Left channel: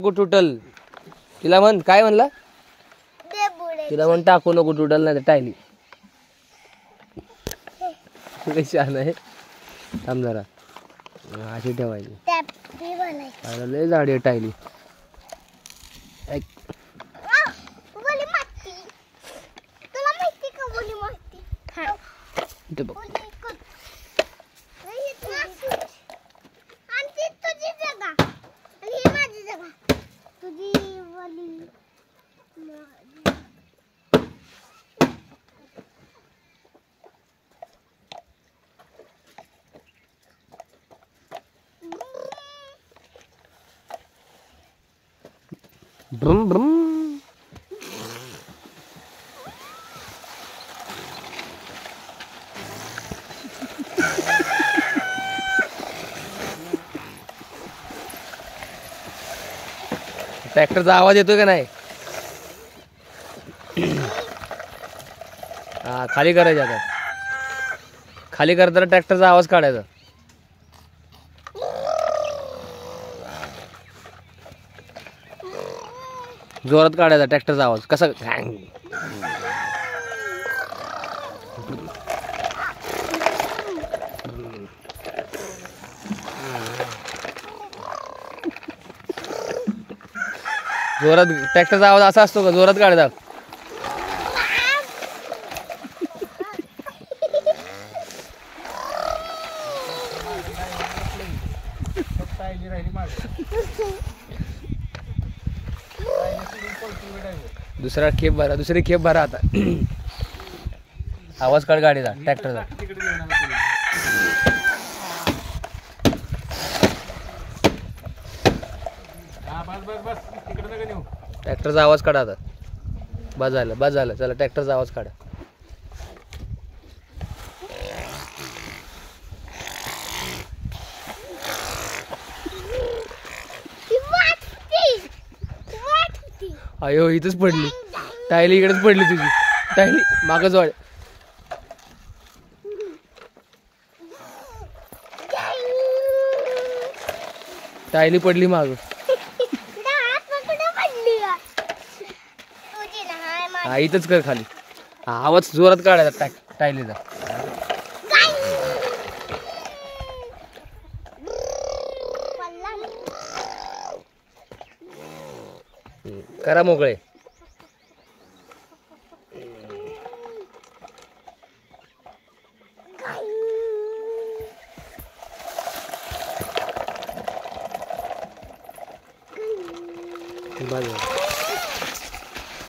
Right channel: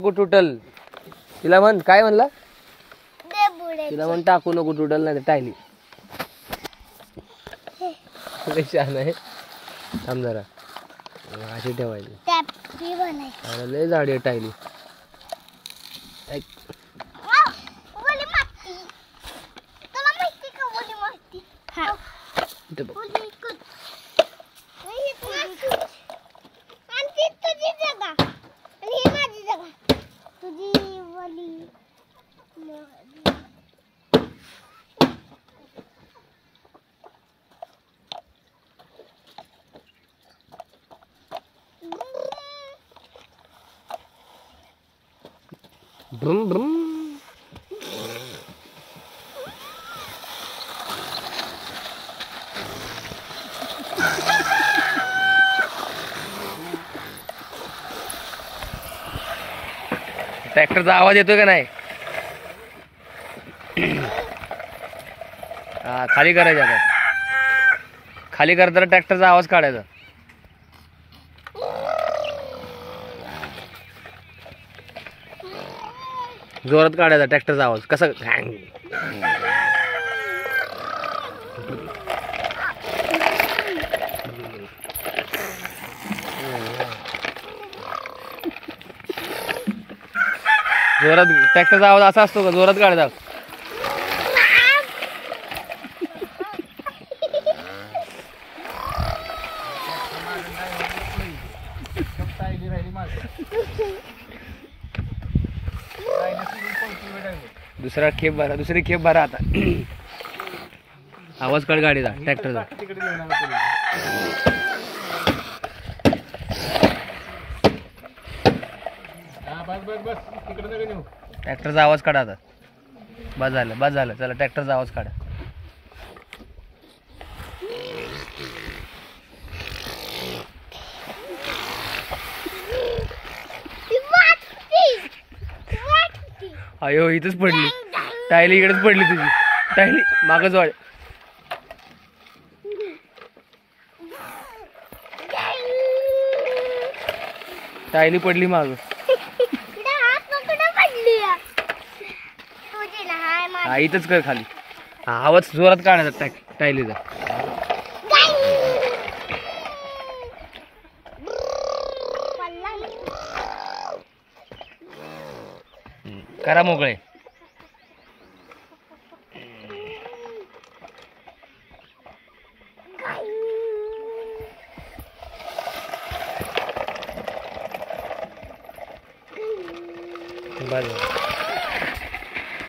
तुटल तिला म्हण काय म्हणलं तिला म्हण टाकू नको तुटल नाही तर टायली कशी आहे थांब जरा अशी ठेवायची लय झाडी आहे टायली ब्रुम ब्रुम ट्रॅक्टरचा आवाज येतोय का नाही हा खाली करायचं आता खाली करताना ट्रॅक्टरचा आवाज काढायचा जोरात काढायचा ट्रॅक्टरचा आवाज कसा जोरात ट्रॅक्टरचा आवाज असा असतो का जोरात काढायचा दुसरा खेप भरा दुसरी खेप भरा आता आवाज काढ गाडीचा ट्रॅक्टरचा ट्रॅक्टरचा आवाज काढा आता बस झालं चला ट्रॅक्टरचा आवाज काढा अयो इथंच पडली टायली इकडेच पडली तुझी टायली मागच वाढ टायली पडली माग हा इथंच कर खाली आवाज जोरात काढायचा टायलीचा करा मोकळे बस